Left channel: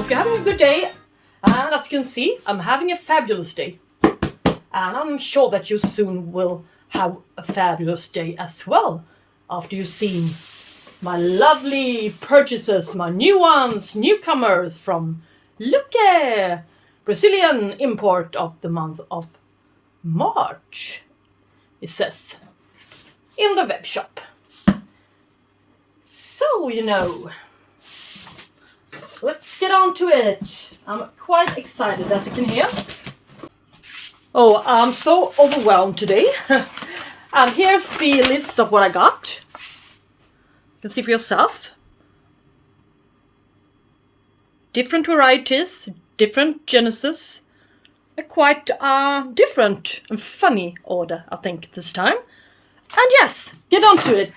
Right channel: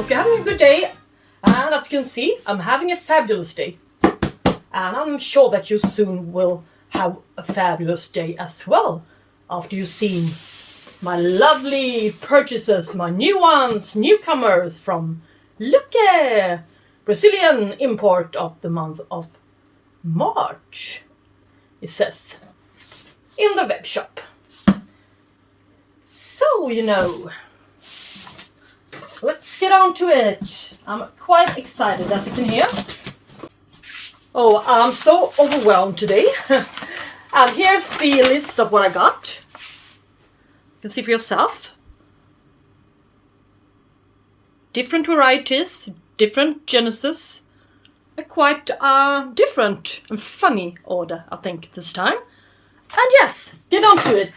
hope you're having a good day. And as you can see, I'm having a fabulous day. And I'm sure that you soon will have a fabulous day as well. After you've seen my lovely purchases, my new ones, newcomers from Lucke, Brazilian import of the month of March, it says in the web shop. So, let's get on to it. I'm quite excited, as you can hear. Oh, I'm so overwhelmed today. And here's the list of what I got. You can see for yourself. Different varieties, different genesis. A quite different and funny order, I think, this time. And yes, get on to it.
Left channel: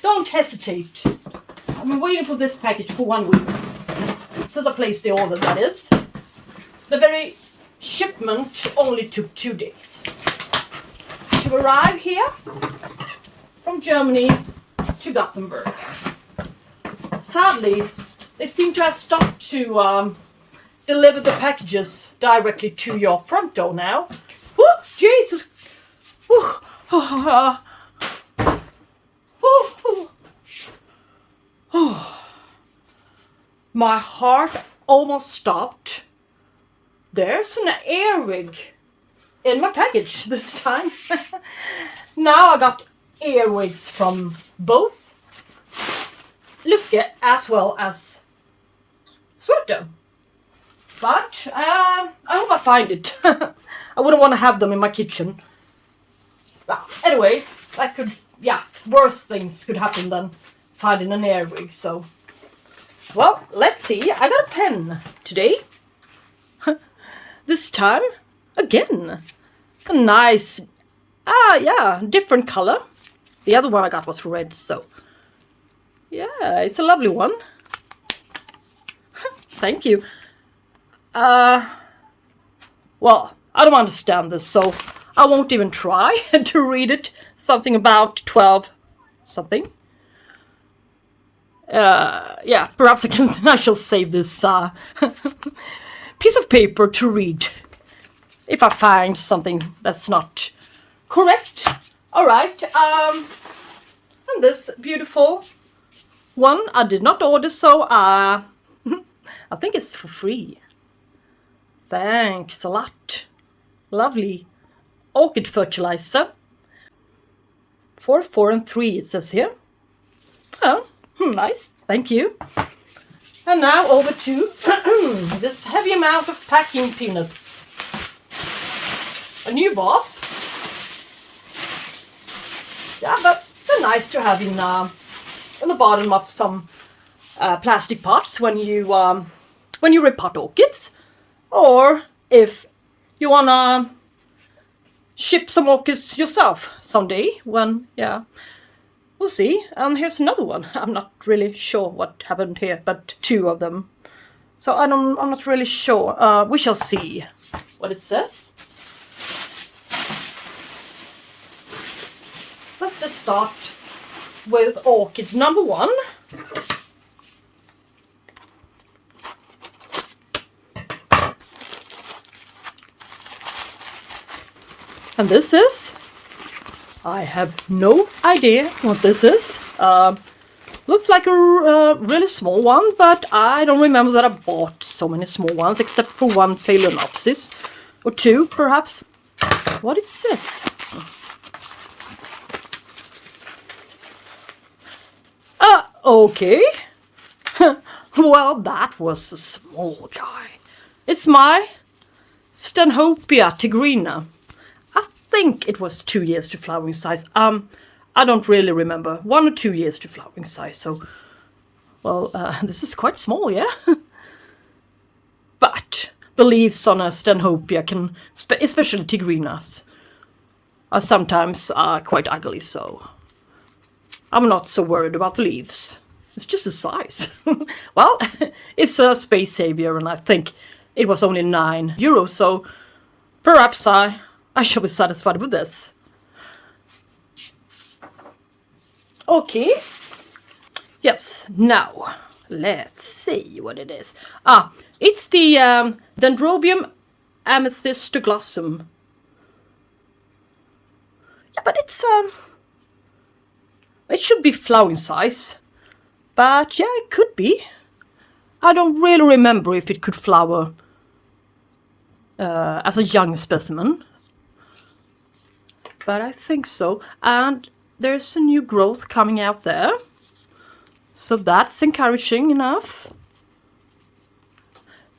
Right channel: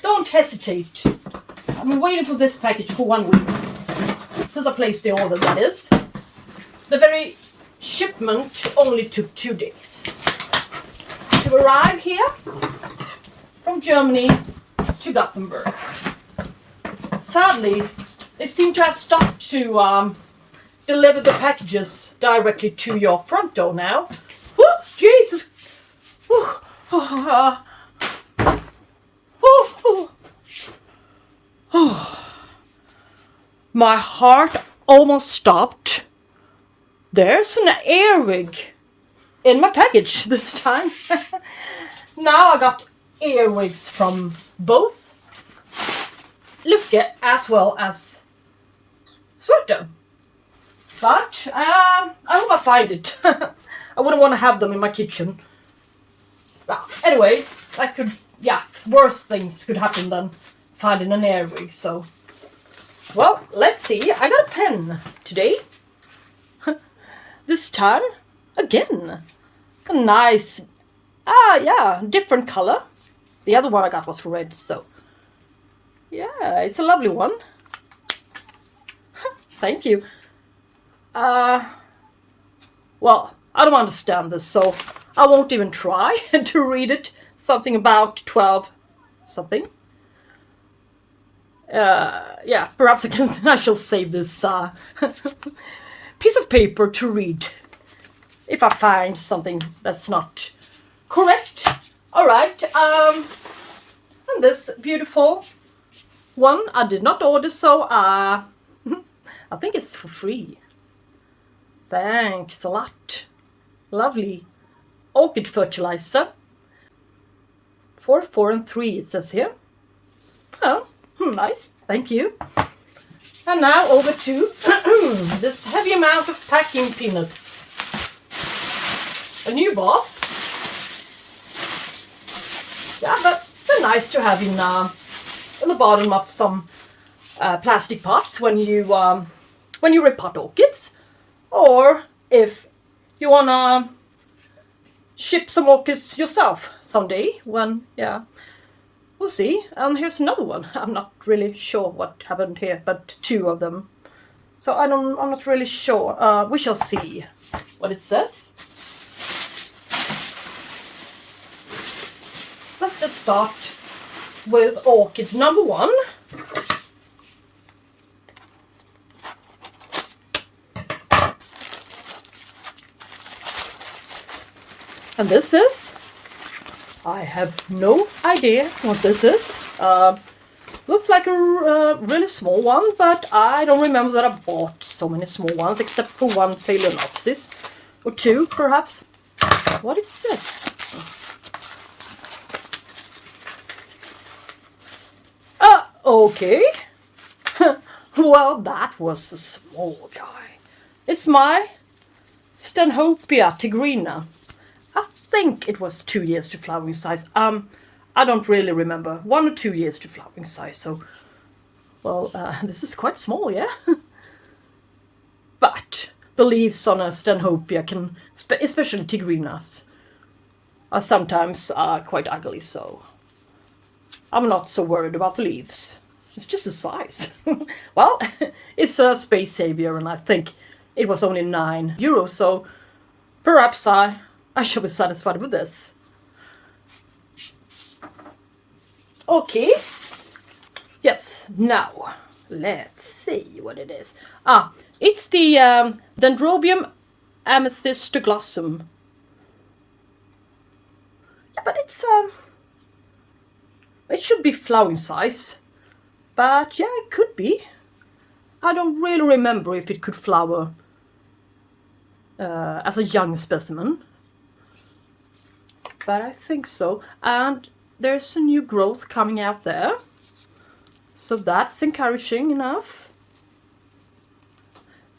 Don't hesitate. I've been waiting for this package for 1 week. Since I placed the order, that is. The very shipment only took 2 days to arrive here from Germany to Gothenburg. Sadly, they seem to have stopped to deliver the packages directly to your front door now. Oh, Jesus! My heart almost stopped. There's an earwig in my package this time. Now I got earwigs from both Lucke as well as Sweden. But I hope I find it. I wouldn't want to have them in my kitchen. Well, anyway, that could, worse things could happen than finding an earwig, so. Well, let's see. I got a pen today. This time, again, a nice, different color. The other one I got was red, so. Yeah, it's a lovely one. Thank you. Well, I don't understand this, so I won't even try to read it. Something about 12 something. Perhaps I shall save this piece of paper to read if I find something that's not correct. All right. And this beautiful one I did not order, so I think it's for free. Thanks a lot. Lovely. Orchid fertilizer. 4, 4, and 3 it says here. Oh, nice. Thank you. And now over to this heavy amount of packing peanuts. A new bath. Yeah, but they're nice to have in the bottom of some plastic pots when you repot orchids, or if you wanna ship some orchids yourself someday. When we'll see. And here's another one. I'm not really sure what happened here, but 2 of them. So I'm not really sure. We shall see what it says. Let's just start with orchid number 1. And this is, I have no idea what this is. Looks like a really small one, but I don't remember that I bought so many small ones, except for one Phalaenopsis, or 2 perhaps. What it says? Okay. Well, that was a small guy. It's my Stanhopea Tigrina. I think it was 2 years to flowering size. I don't really remember. 1 or 2 years to flowering size. So, well, this is quite small, yeah. But the leaves on a Stanhopea can, especially Tigrinas, are sometimes quite ugly. So I'm not so worried about the leaves. It's just the size. Well, it's a space savior, and I think it was only €9. So perhaps I shall be satisfied with this. Okay. Yes, now Let's see what it is. It's the Dendrobium Amethystoglossum. Yeah, but it's it should be flowering size. But yeah, it could be. I don't really remember if it could flower as a young specimen. But I think so. And there's a new growth coming out there. So that's encouraging enough.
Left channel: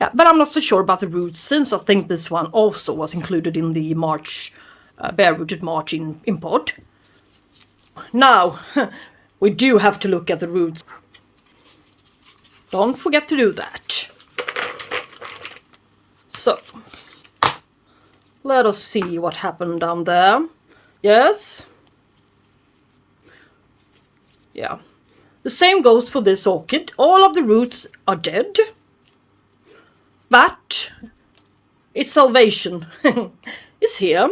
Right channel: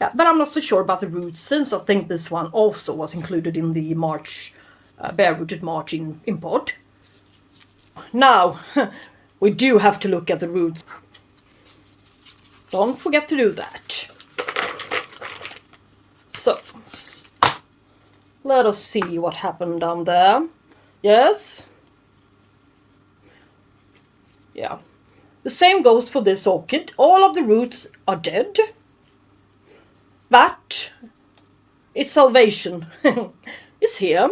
Yeah, but I'm not so sure about the roots, since I think this one also was included in the March, Barerooted March import. Now, we do have to look at the roots. Don't forget to do that. So, let us see what happened down there. Yes. Yeah. The same goes for this orchid. All of the roots are dead. But its salvation is here.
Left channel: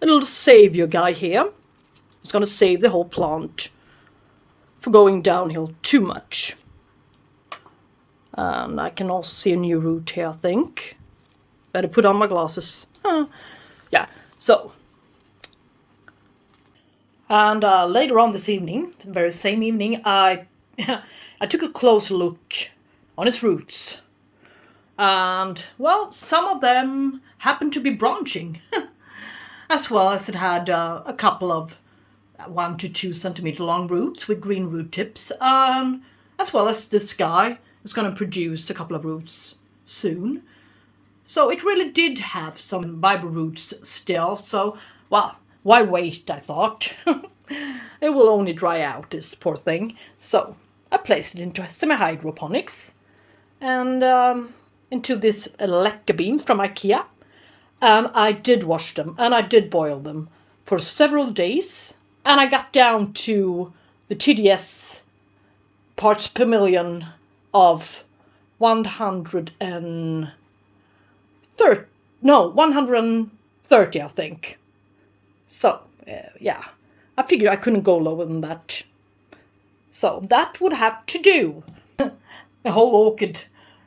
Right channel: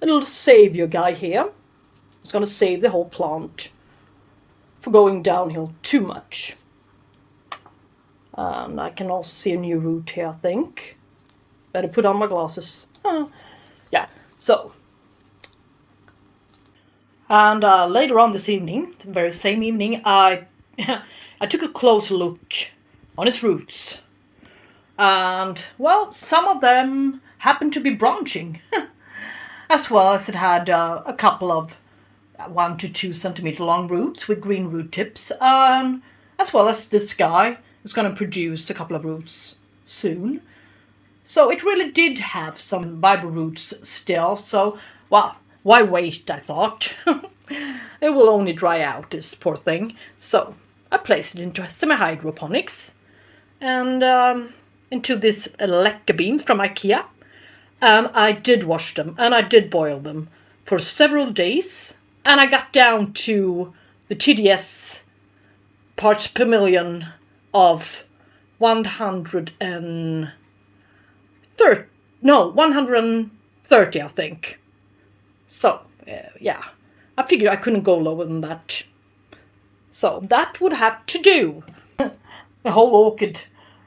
A little savior guy here. It's going to save the whole plant for going downhill too much. And I can also see a new root here, I think. Better put on my glasses. Yeah, so. And later on this evening, the very same evening, I took a close look on its roots. And, well, some of them happened to be branching. As well as it had a couple of 1 to 2 centimeter long roots with green root tips. As well as this guy is going to produce a couple of roots soon. So it really did have some viable roots still. So, well, why wait, I thought. It will only dry out, this poor thing. So I placed it into semi-hydroponics. And into this Lucke bean from IKEA. And I did wash them, and I did boil them for several days. And I got down to the TDS parts per million of 130, I think. So, yeah, I figured I couldn't go lower than that. So that would have to do. The whole orchid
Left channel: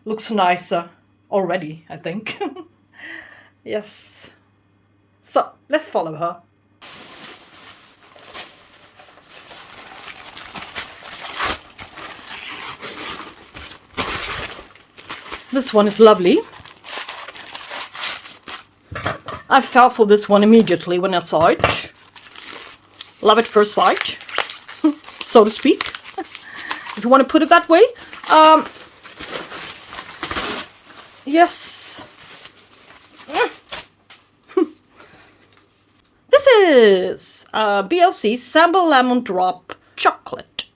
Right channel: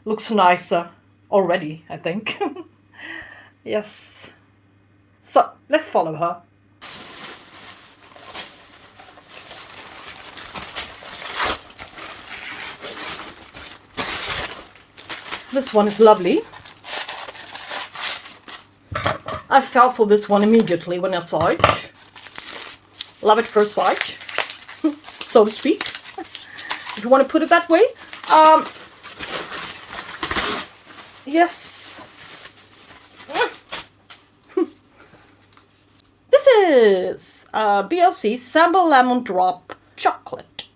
looks nicer already, I think. Yes. So, let's follow her. This one is lovely. I fell for this one immediately when I saw it. Love at first sight, so to speak. If you want to put it that way. Yes. This is BLC Samba Lemon Drop Chocolate.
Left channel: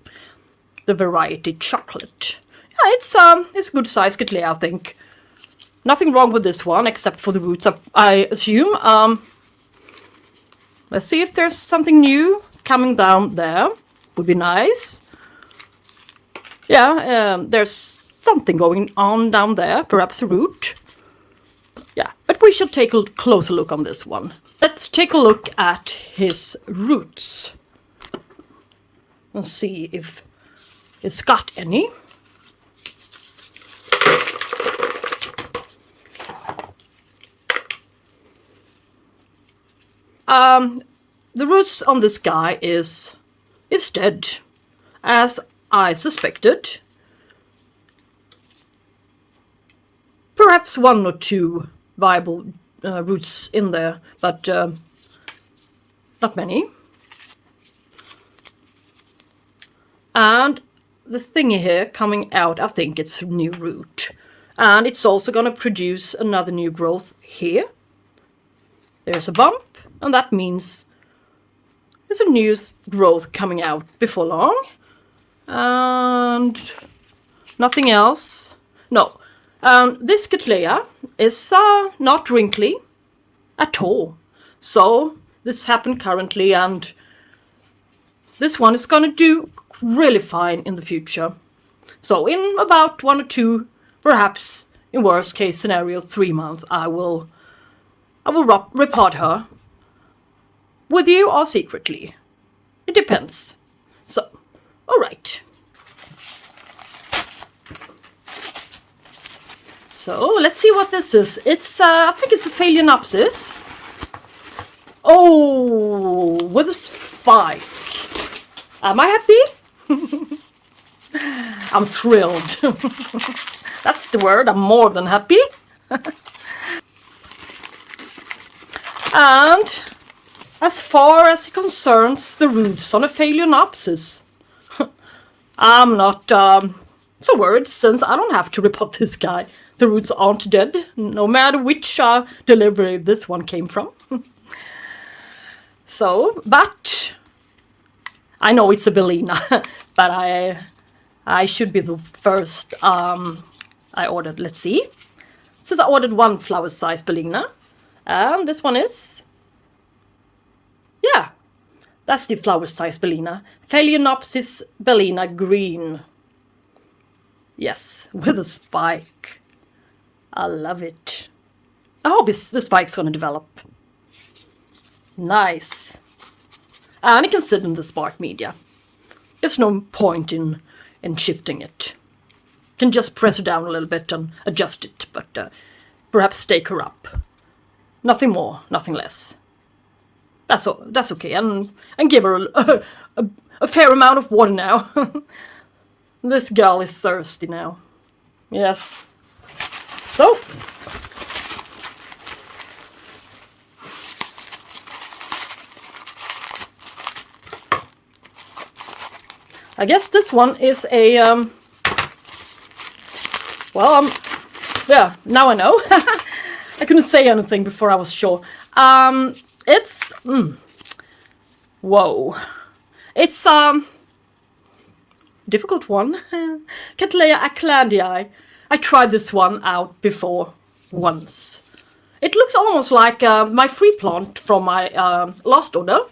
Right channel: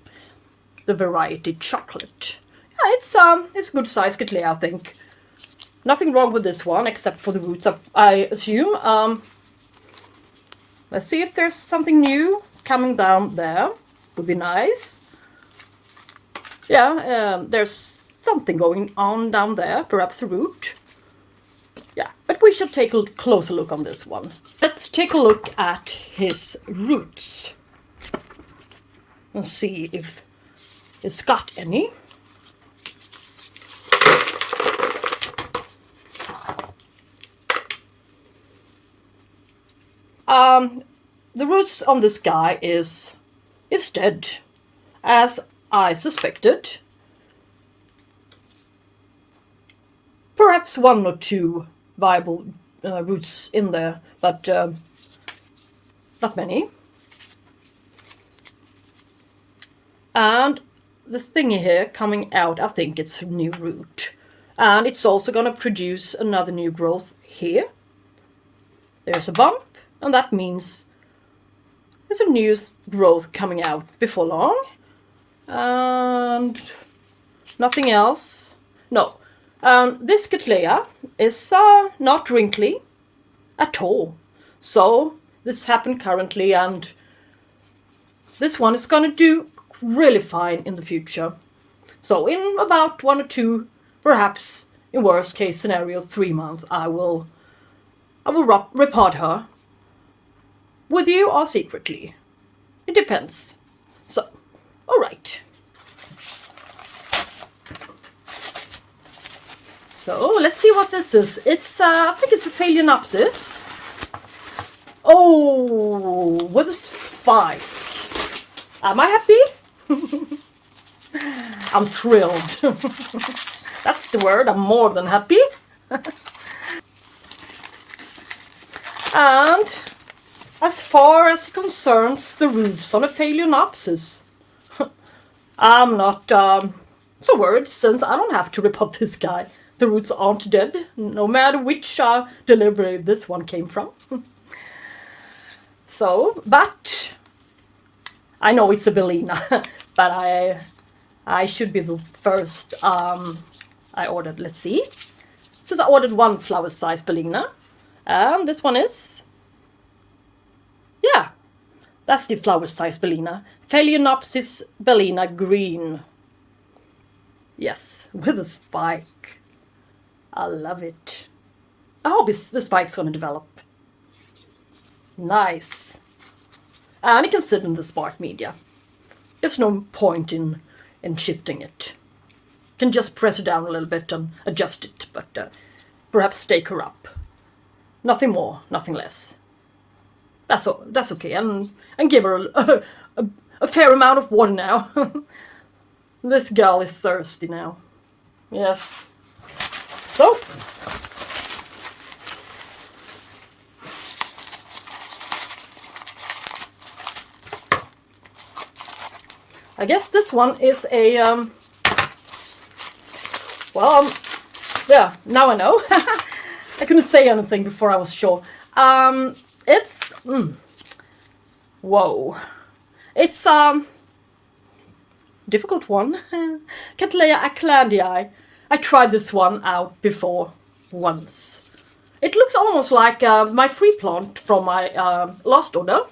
The variety chocolate. Yeah, it's a good size Cattleya, I think. Nothing wrong with this one except for the roots, I assume. Let's see if there's something new coming down there. Would be nice. Yeah, there's something going on down there, perhaps a root. Yeah, but we should take a closer look on this one. Let's take a look at his roots. Let's see if it's got any. The roots on this guy is dead, as I suspected. Perhaps 1 or 2 viable roots in there, but not many. And the thingy here coming out, I think it's a new root. And it's also going to produce another new growth here. There's a bump, and that means there's a new growth coming out before long. And nothing else. No. This Cattleya is not wrinkly at all. So this happened currently, and this one is going to do really fine in the future. So in about 1 or 2, perhaps in worst case scenario 3 months, I will repot her with you or secretly. It depends. So, all right. So let's see what this is. It's I think it's a Phalaenopsis. Oh, with a spike. Am I happy? I'm thrilled. That's the word. I'm more than happy. And as far as it concerns the roots on a Phalaenopsis, I'm not so worried, since I don't have to repot this guy. The roots aren't dead, no matter which delivery this one came from. So, but I know it's a Bellina, but I should be the first. I ordered, let's see. Since I ordered one flower size Bellina, and this one is, yeah, that's the flower size Bellina. Phalaenopsis Bellina green. Yes, with a spike. I love it. I hope the spike's going to develop. Nice. And it can sit in the spark media. There's no point in shifting it. You can just press it down a little bit and adjust it, but perhaps stake her up. Nothing more, nothing less. That's okay, and give her a fair amount of water now. This girl is thirsty now. Yes. So. I guess this one is a, yeah, now I know. I couldn't say anything before I was sure. It's, whoa. It's, difficult one. Cattleya Aclandiae. I tried this one out before once. It looks almost like my free plant from my last order.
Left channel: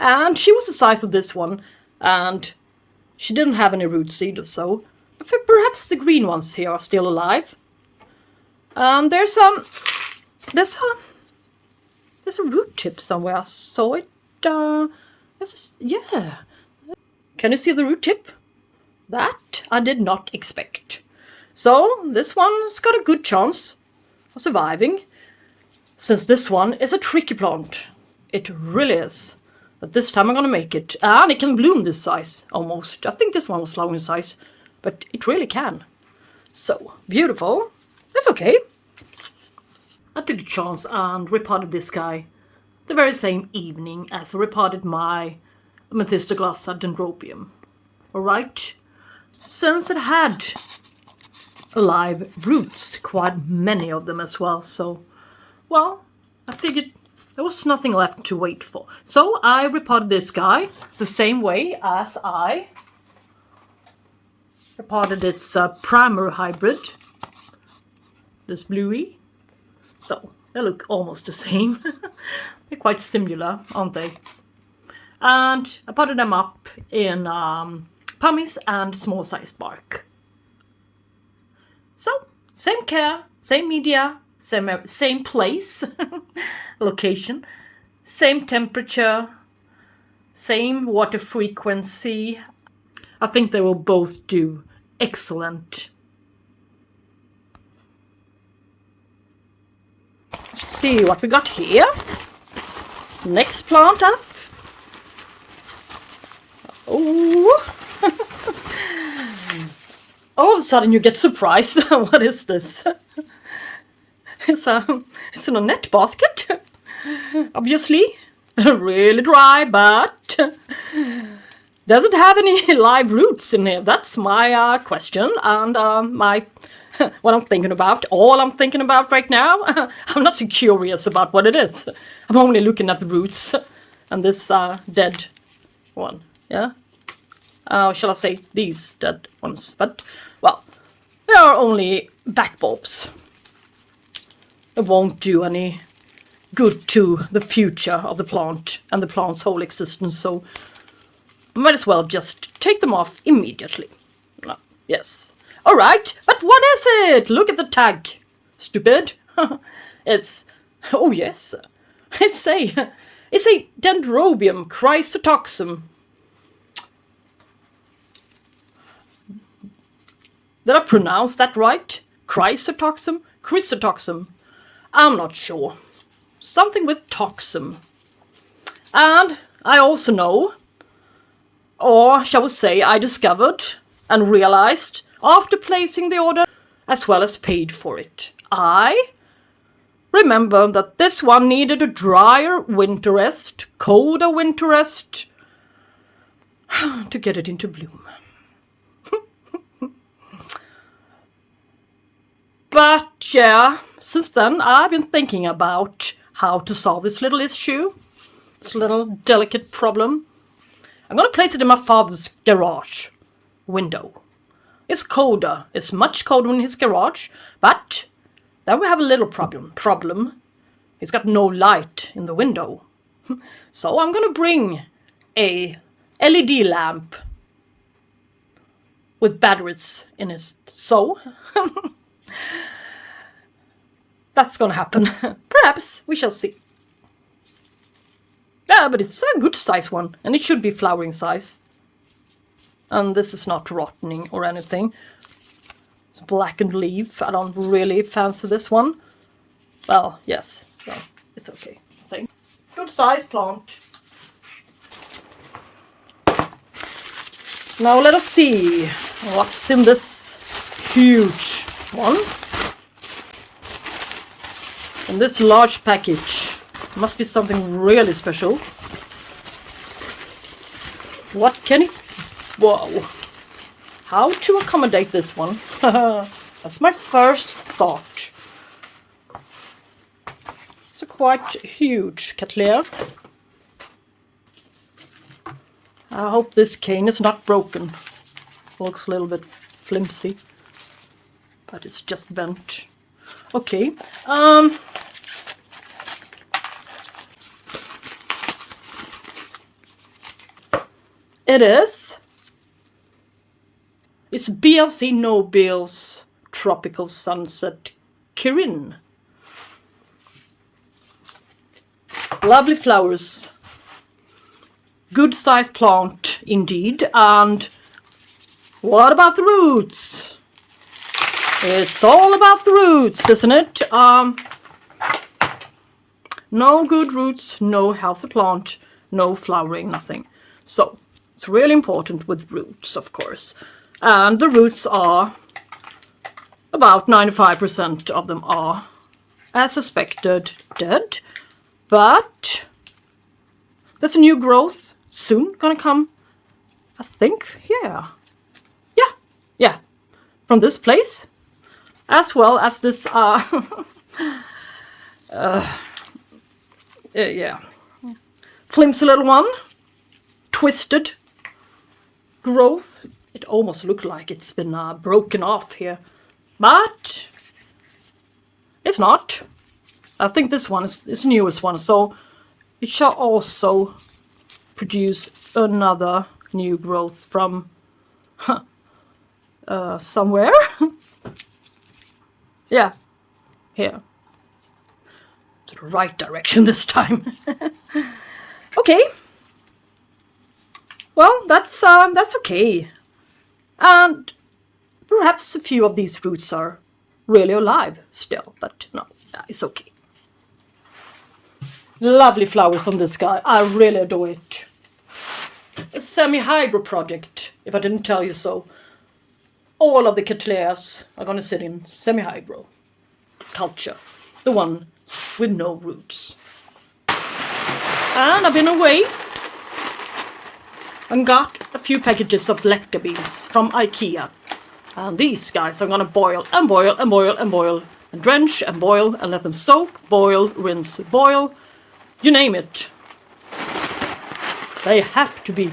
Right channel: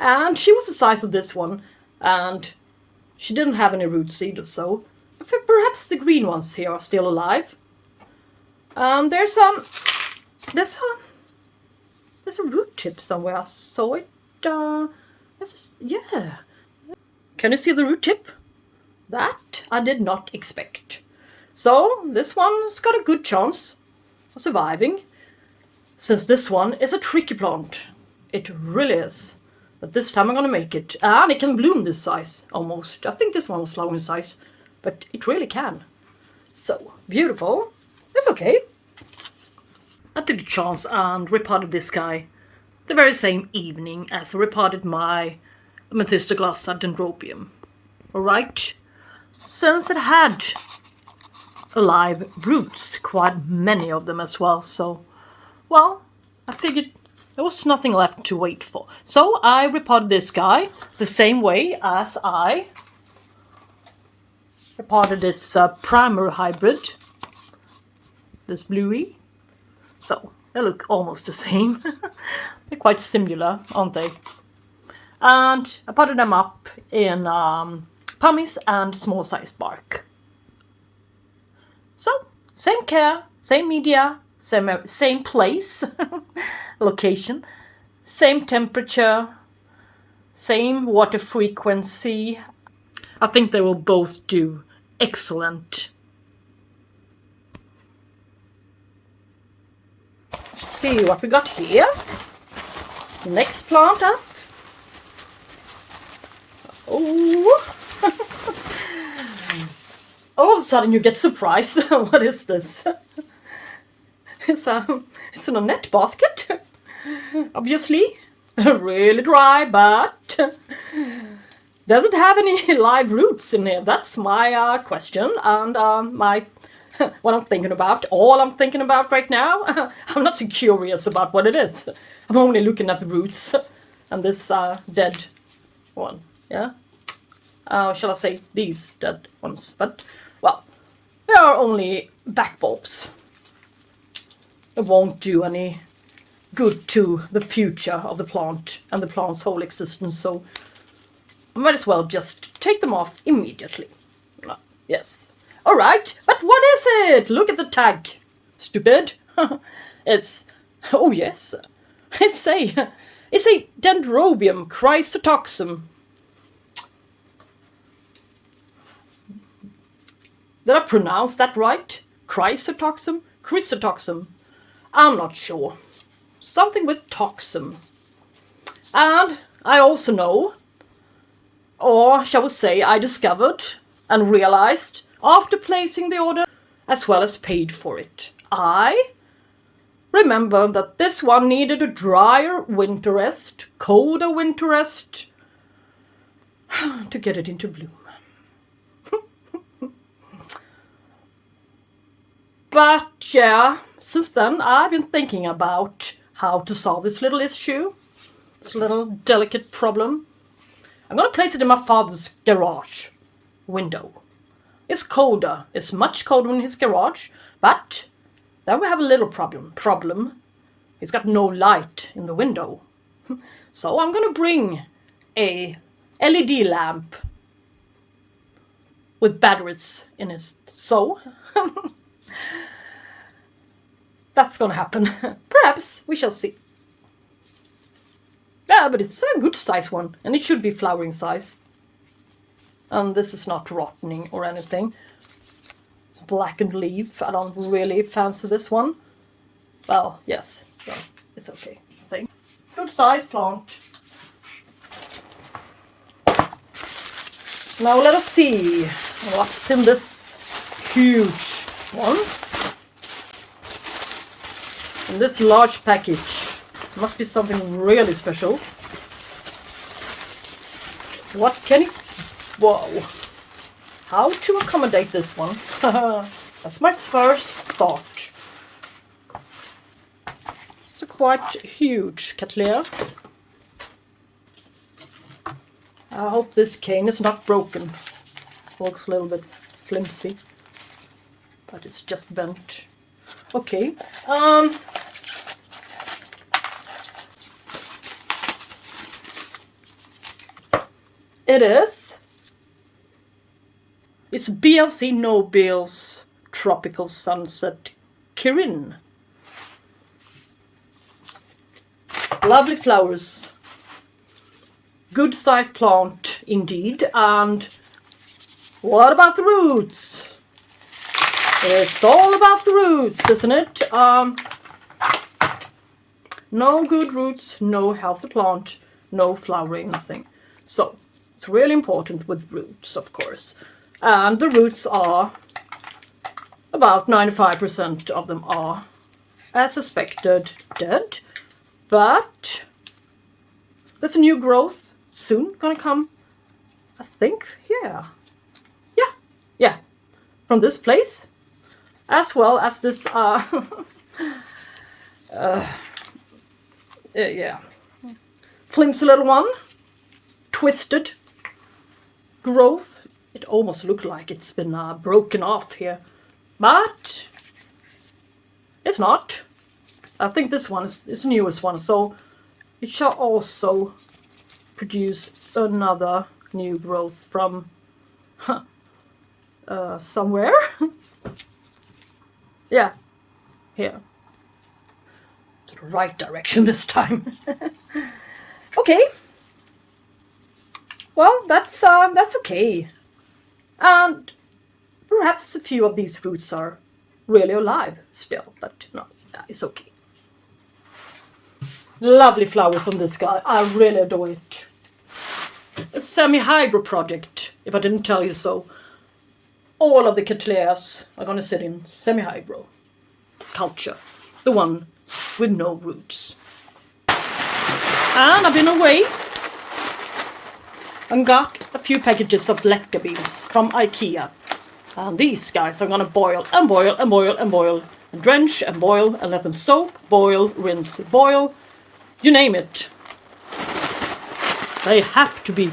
And she was the size of this one. And she didn't have any roots either, so perhaps the green ones here are still alive. There's a root tip somewhere. I saw it. Yeah. Can you see the root tip? That I did not expect. So this one's got a good chance of surviving, since this one is a tricky plant. It really is. But this time I'm gonna make it. And it can bloom this size, almost. I think this one was long in size, but it really can. So, beautiful. That's okay. I took a chance and repotted this guy the very same evening as I repotted my Amethystoglossum and Dendrobium. Alright? Since it had alive roots, quite many of them as well, so, well, I figured there was nothing left to wait for. So I repotted this guy the same way as I repotted its primer hybrid, this bluey. So they look almost the same. They're quite similar, aren't they? And I potted them up in pummies and small size bark. So same care, same media, same place, location, same temperature, same water frequency. I think they will both do excellent. Let's see what we got here. Next plant up. Oh. All of a sudden you get surprised. What is this? It's in a net basket. Obviously. Really dry, but doesn't have any live roots in here. That's my question, and what I'm thinking about. All I'm thinking about right now. I'm not so curious about what it is. I'm only looking at the roots and this dead one. Yeah. Shall I say these dead ones? But well, they are only back bulbs. It won't do any good to the future of the plant and the plant's whole existence, so I might as well just take them off immediately. Yes. Alright, but what is it? Look at the tag. Stupid. It's, oh yes, it's a Dendrobium Chrysotoxum. Did I pronounce that right? Chrysotoxum? Chrysotoxum. I'm not sure. Something with toxum. And I also know, or shall we say I discovered and realized after placing the order, as well as paid for it, I remember that this one needed a drier winter rest, colder winter rest, to get it into bloom. But yeah, since then I've been thinking about how to solve this little issue, this little delicate problem. I'm going to place it in my father's garage window. It's colder, it's much colder in his garage, but then we have a little problem. He's got no light in the window. So I'm going to bring a LED lamp with batteries in it. So that's going to happen. Perhaps, we shall see. Yeah, but it's a good size one, and it should be flowering size. And this is not rotting or anything. It's blackened leaf. I don't really fancy this one. Well, yes, yeah, it's okay, I think. Good size plant. Now let us see what's in this huge one. In this large package. Must be something really special. What can it... Whoa. How to accommodate this one? That's my first thought. It's a quite huge Cattleya. I hope this cane is not broken. Looks a little bit flimsy, but it's just bent. Okay. It's BLC Nobiles Tropical Sunset Kirin. Lovely flowers. Good sized plant indeed. And what about the roots? It's all about the roots, isn't it? No good roots, no healthy plant, no flowering, nothing. So it's really important with roots, of course. And the roots are, about 95% of them are, as suspected, dead. But there's a new growth soon gonna come, I think. Yeah. From this place, as well as this, flimsy little one, twisted growth. It almost looks like it's been broken off here, but it's not. I think this one is the newest one, so it shall also produce another new growth from somewhere. Yeah, here. The right direction this time. Okay. Well, that's okay. And perhaps a few of these roots are really alive still, but no, it's okay. Lovely flowers on this guy. I really adore it. A semi-hydro project, if I didn't tell you so. All of the Cattleyas are going to sit in semi-hydro culture. The one with no roots. And I've been away and got a few packages of lecter beans from IKEA. And these guys I'm going to boil and boil and boil and boil and drench and boil and let them soak, boil, rinse, boil, you name it. They have to be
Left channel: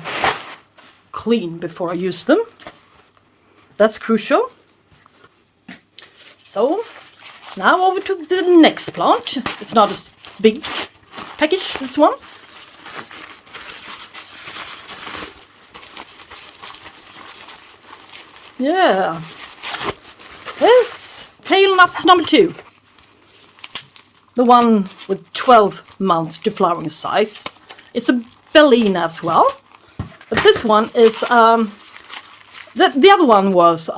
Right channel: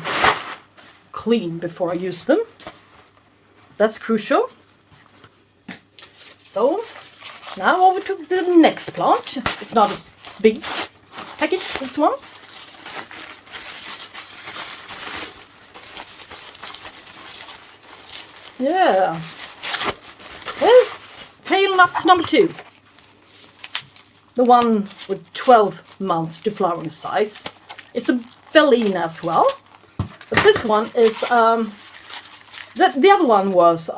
clean before I use them. That's crucial. So now over to the next plant. It's not a big package, this one. Yeah. This Phalaenopsis number 2. The one with 12 months to flowering size. It's a Bellina as well. But this one is the other one was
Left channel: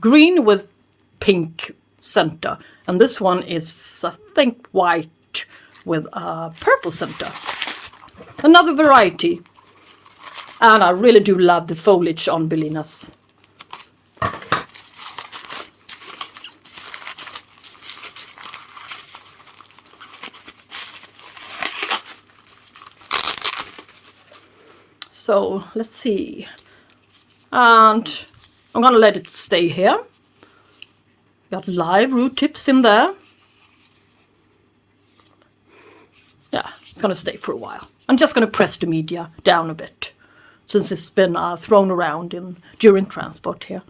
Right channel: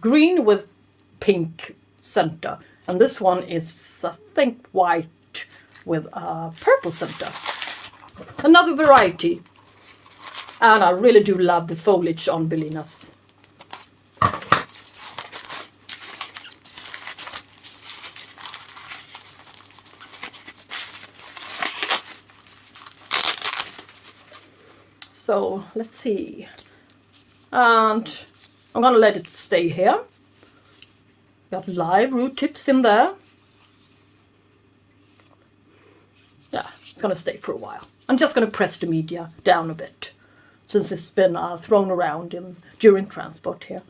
green with pink center, And this one is, I think, white with a purple center. Another variety. And I really do love the foliage on Bellinas. So let's see. And I'm gonna let it stay here. Got live root tips in there. Yeah, it's gonna stay for a while. I'm just gonna press the media down a bit, since it's been thrown around during transport here.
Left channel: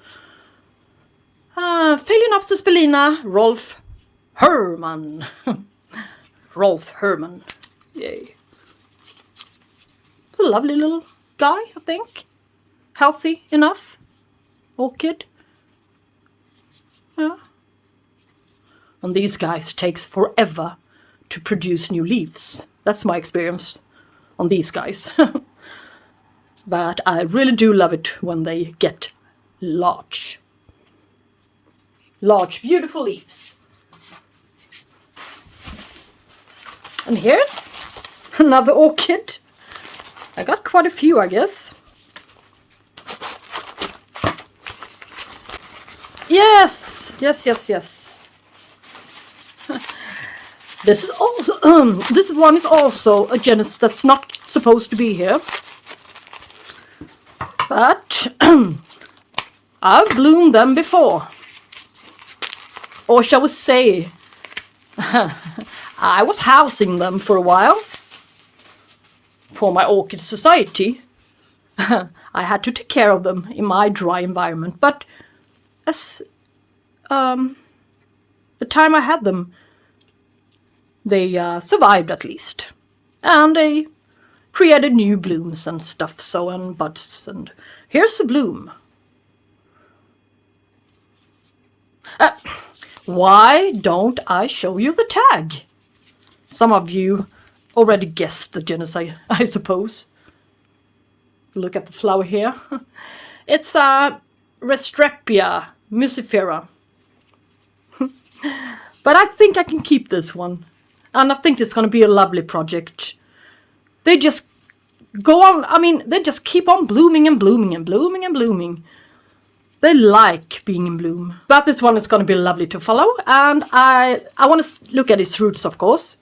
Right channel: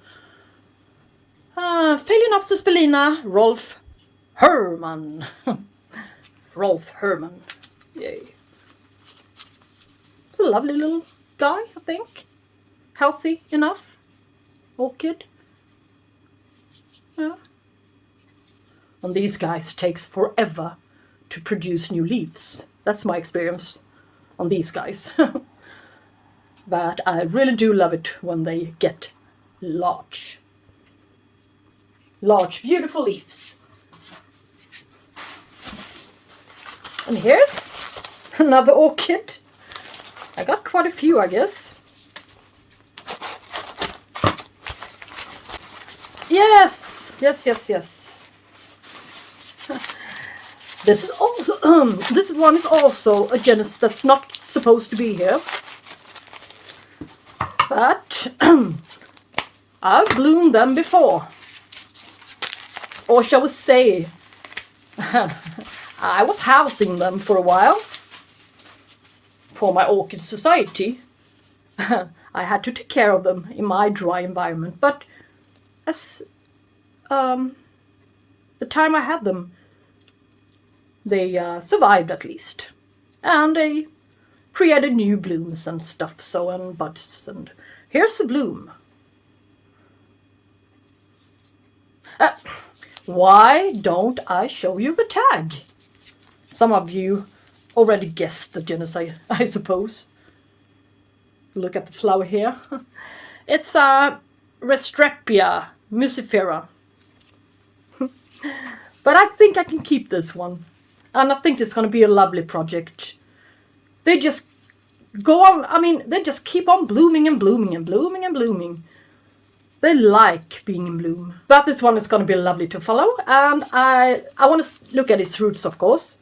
Phalaenopsis Bellina, Rolf Herrmann. Rolf Herrmann. Yay. It's a lovely little guy, I think. Healthy enough. Orchid. Yeah. And these guys takes forever to produce new leaves. That's my experience on these guys. But I really do love it when they get large. Large, beautiful leaves. And here's another orchid. I got quite a few, I guess. Yes, yes, yes, yes. This is also this one is also a genus that's not supposed to be here. But I've bloomed them before. Or shall we say, I was housing them for a while. For my orchid society. I had to take care of them in my dry environment. But as the time I had them, they survived at least. And they created new blooms and stuff, so and buds. And here's a bloom. Why don't I show you the tag? Some of you already guessed the genus, I suppose. Look at the flower here. It's a Restrepia, Mucifera. But I think I can keep this one. And I think it's going to be a lovely project. They just go on, I mean, they just keep on blooming and blooming and blooming and blooming. They like being in bloom. But this one is going to be lovely to follow. And I want to look at its roots, of course.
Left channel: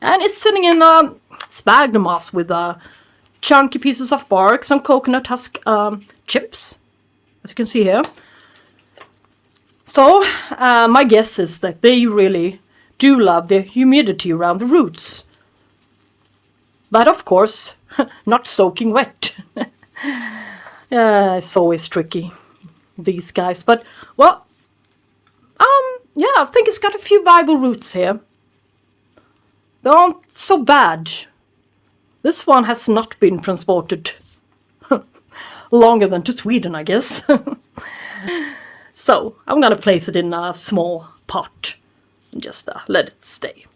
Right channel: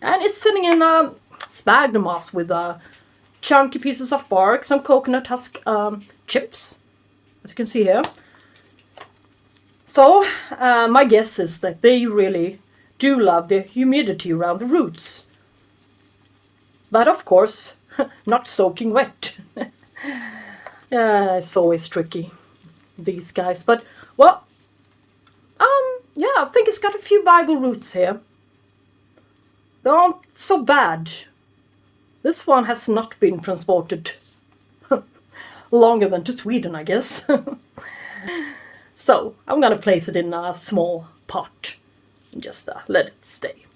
And it's sitting in a sphagnum moss with chunky pieces of bark, some coconut husk chips, as you can see here. So my guess is that they really do love the humidity around the roots. But of course, not soaking wet. Yeah, it's always tricky, these guys. But, well, yeah, I think it's got a few viable roots here. They aren't so bad. This one has not been transported longer than to Sweden, I guess. So I'm going to place it in a small pot and just let it stay.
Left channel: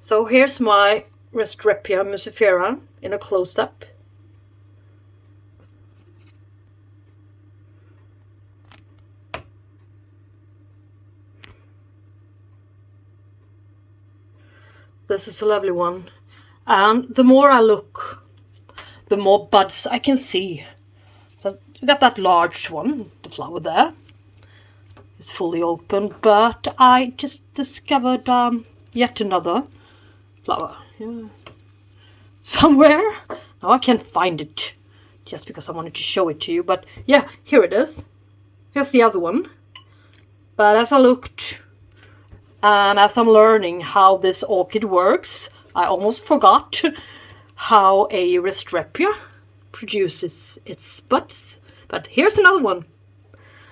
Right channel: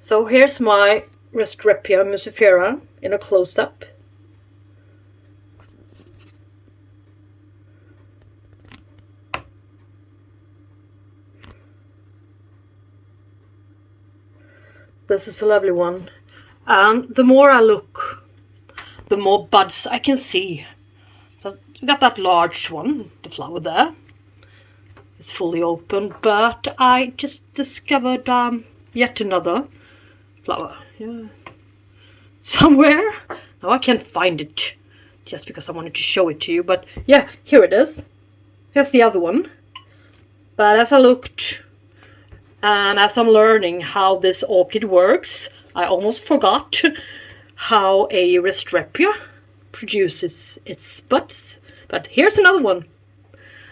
So here's my Restrepia musifera in a close-up. This is a lovely one. And the more I look, the more buds I can see. So you got that large one, the flower there. It's fully open, but I just discovered yet another flower. Yeah. Somewhere. Now I can't find it just because I wanted to show it to you. But yeah, here it is. Here's the other one. But as I looked and as I'm learning how this orchid works, I almost forgot how a Restrepia produces its buds. But here's another one.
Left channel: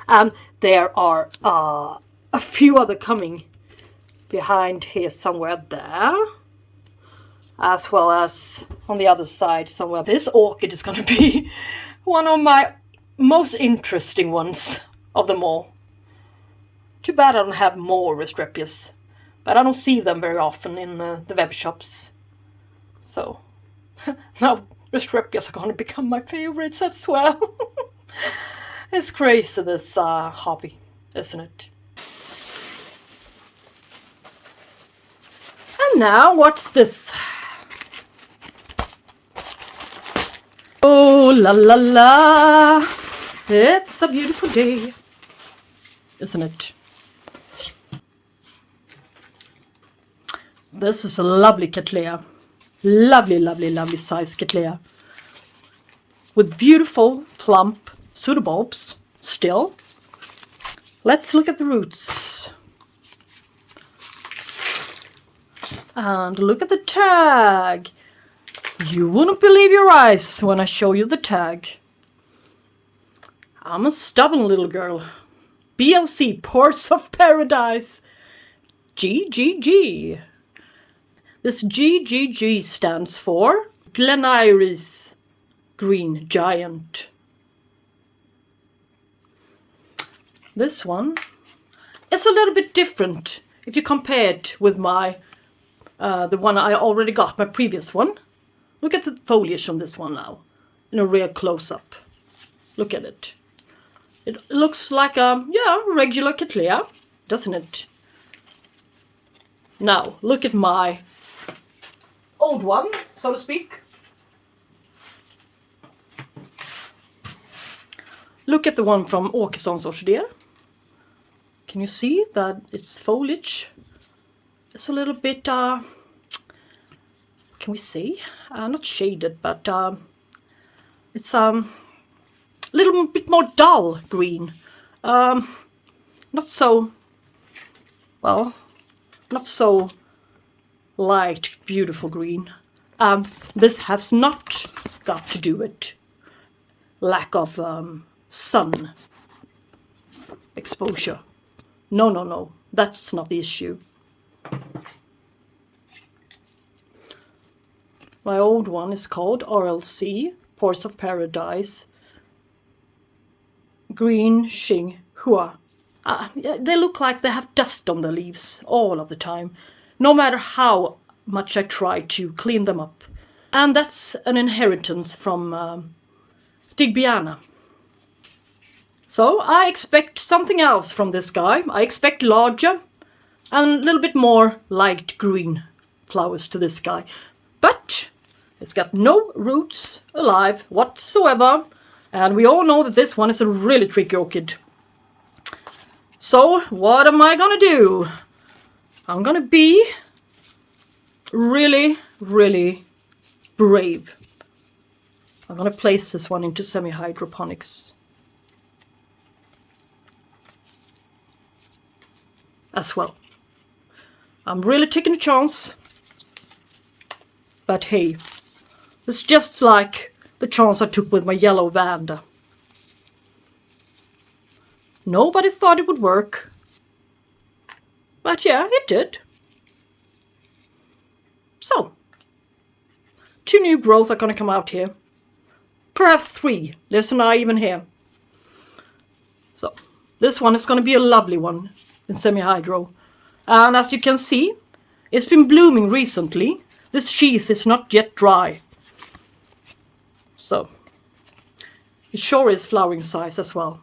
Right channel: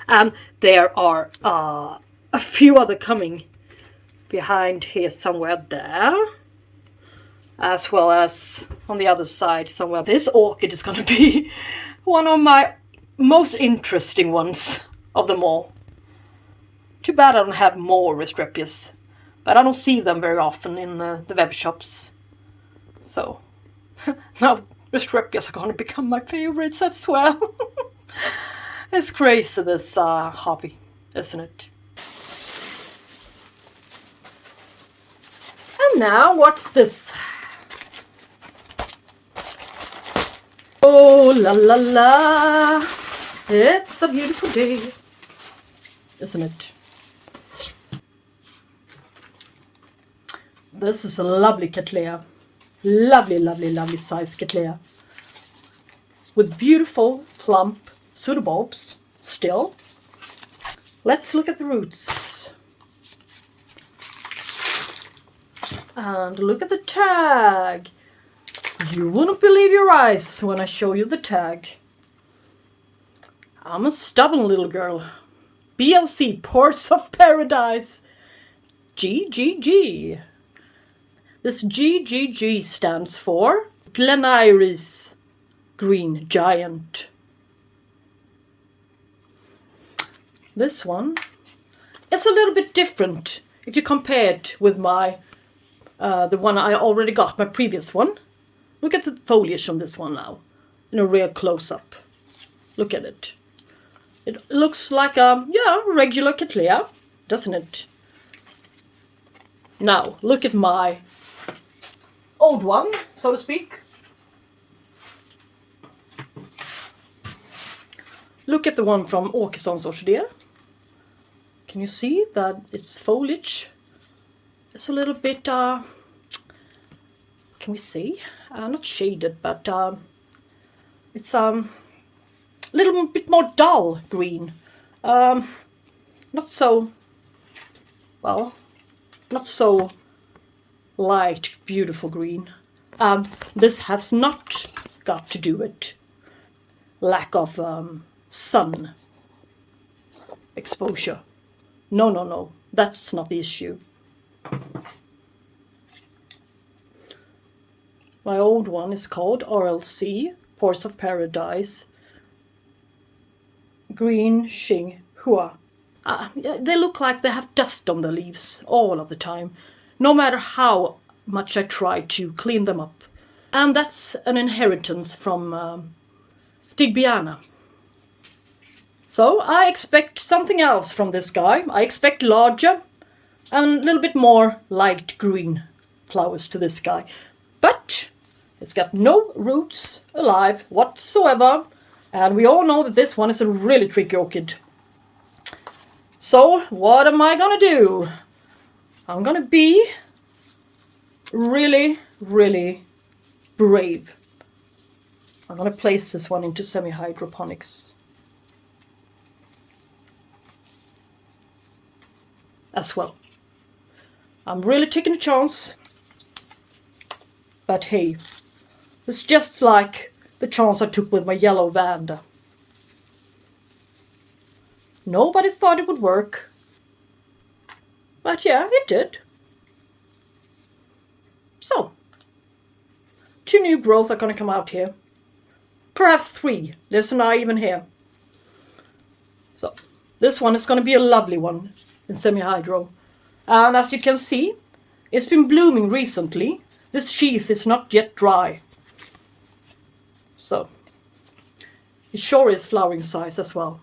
And there are a few other coming behind here somewhere there. As well as on the other side somewhere. This orchid is going to be one of my most interesting ones of them all. Too bad I don't have more Restrepias. But I don't see them very often in the web shops. So, now Restrepias are going to become my favorites as well. It's crazy, this hobby, isn't it? And now, what's this? Oh, la la la. It's a beautiful day, isn't it? This is a lovely Cattleya. Lovely, lovely, lovely size Cattleya. With beautiful, plump pseudobulbs still. Let's look at the roots. And look at the tag. You wouldn't believe your eyes when I show you the tag. I'm a stubborn little girl. BLC, Ports of Paradise. GGG. This GGG stands for Glen-Iris Green Giant. This one is a little bit different if you compare it with my the one I already got, my previous one. Look at the foliage on this one now, in a real close-up. Look at it. It looks like a regular Cattleya, doesn't it? Now, look at my old one, so to speak. Look at the one from Åkessons Orchideen. Can you see that its foliage is a little bit, can we see? Not shaded, but it's a little bit more dull green. Not so, well, not so light, beautiful green. This has not got to do with lack of sun exposure. No, that's not the issue. My old one is called RLC, Ports of Paradise, Green Xing Hua. They look like they have dust on the leaves all of the time, no matter how much I try to clean them up. And that's an inheritance from Tigrina. So I expect something else from this guy. I expect larger and a little bit more light green flowers to this guy. But it's got no roots alive whatsoever. And we all know that this one is a really tricky orchid. So what am I gonna do? I'm gonna be really, really brave. I'm gonna place this one into semi-hydroponics as well. I'm really taking a chance. But hey, it's just like the chance I took with my yellow Vanda. Nobody thought it would work. But yeah, it did. So, 2 new growths are going to come out here. Perhaps 3. There's an eye even here. So, this one is going to be a lovely one in semi-hydro. And as you can see, it's been blooming recently. This sheath is not yet dry. So, it sure is flowering size as well.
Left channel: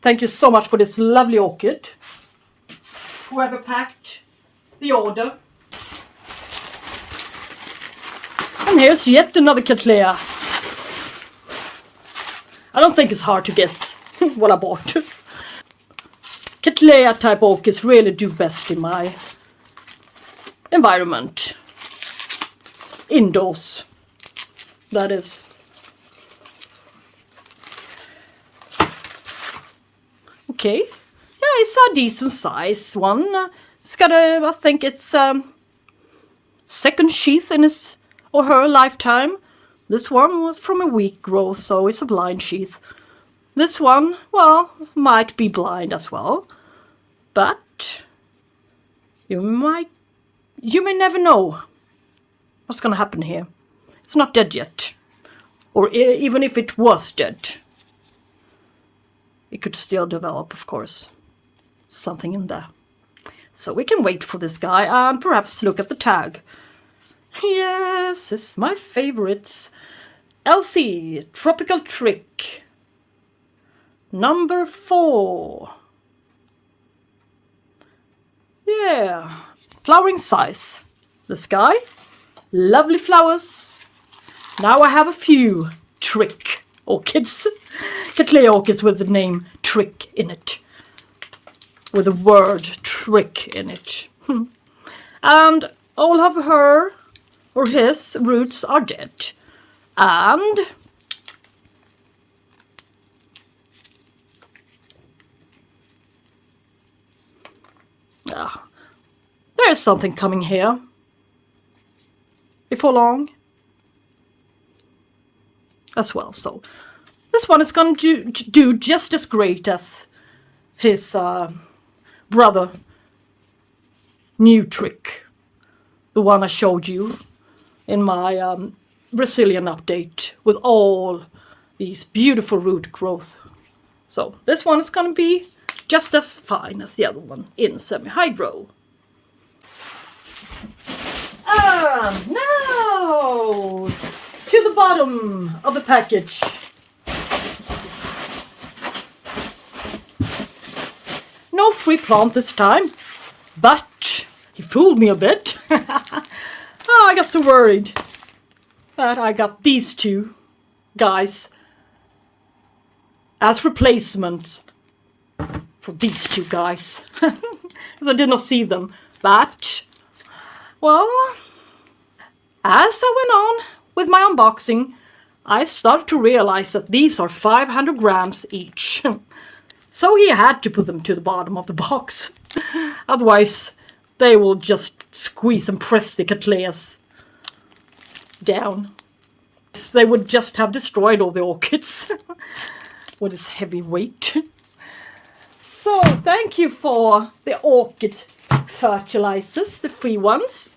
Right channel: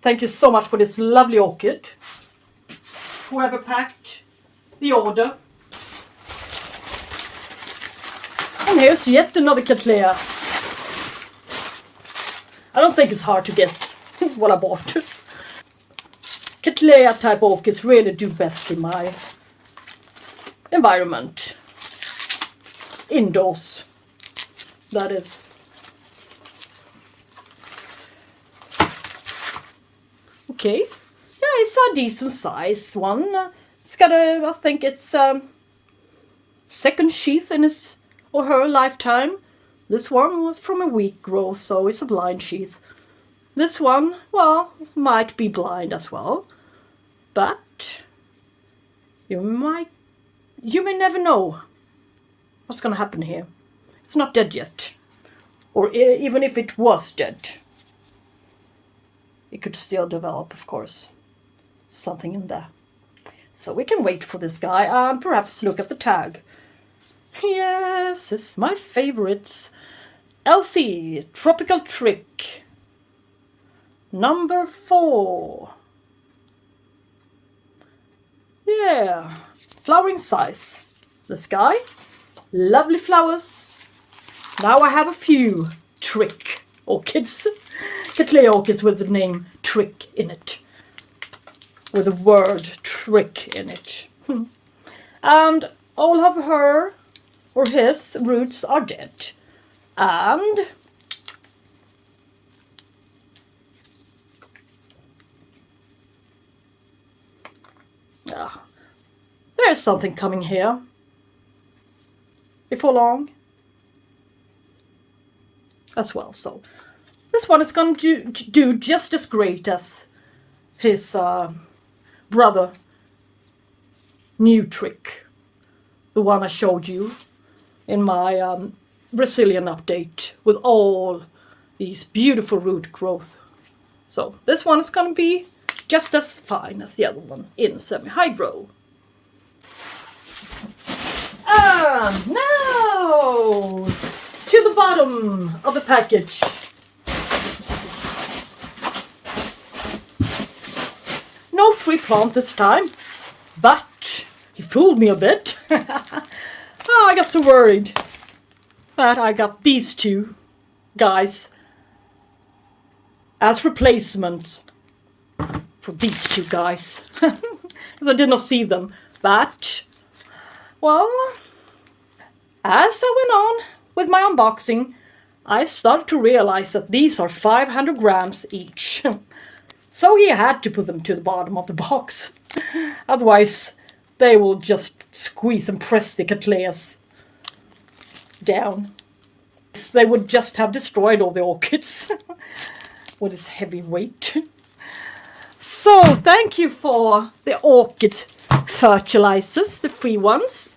Thank you so much for this lovely orchid. Whoever packed the order. And here's yet another Cattleya. I don't think it's hard to guess what I bought. Cattleya type orchids really do best in my environment. Indoors, that is. Okay, yeah, it's a decent size one. It's got a, I think it's second sheath in his or her lifetime. This one was from a weak growth, so it's a blind sheath. This one, well, might be blind as well, but you may never know what's going to happen here. It's not dead yet, or even if it was dead, it could still develop, of course, something in there. So we can wait for this guy and perhaps look at the tag. Yes, it's my favorites. LC, Tropical Trick. Number 4. Yeah, flowering size. This guy. Lovely flowers. Now I have a few trick orchids. Cattleya orchids with the name Trick in it. With the word trick in it. And all of her or his roots are dead. And there's something coming here before long as well. So this one is going to do just as great as his brother new trick, the one I showed you in my Brazilian update with all these beautiful root growth. So this one is going to be just as fine as the other one in semi-hydro. And now to the bottom of the package. No free plant this time, but he fooled me a bit. I got so worried that I got these two guys as replacements for these two guys. Because I did not see them. But, well, as I went on with my unboxing, I started to realize that these are 500 grams each. So he had to put them to the bottom of the box. Otherwise, they will just squeeze and press the Cattleyas down. They would just have destroyed all the orchids with his heavy weight. So, thank you for the orchid fertilizers, the free ones.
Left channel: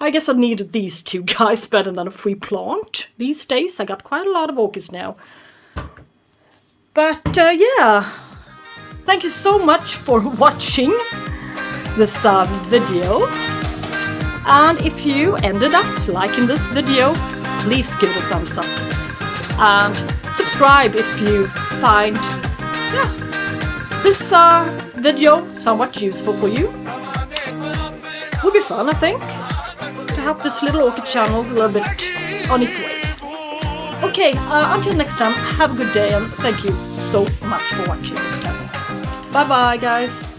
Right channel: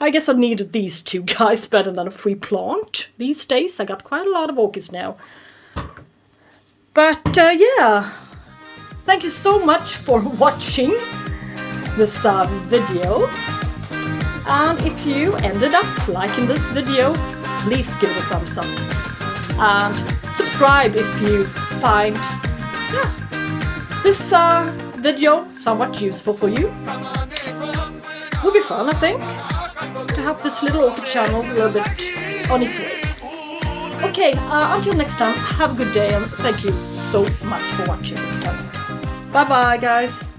I guess I needed these two guys better than a free plant. These days, I got quite a lot of orchids now. But, yeah, thank you so much for watching this video. And if you ended up liking this video, please give it a thumbs up. And subscribe if you find this video somewhat useful for you. It would be fun, I think, to help this little orchid channel a little bit on its way. Okay, until next time, have a good day and thank you so much for watching this channel. Bye bye, guys.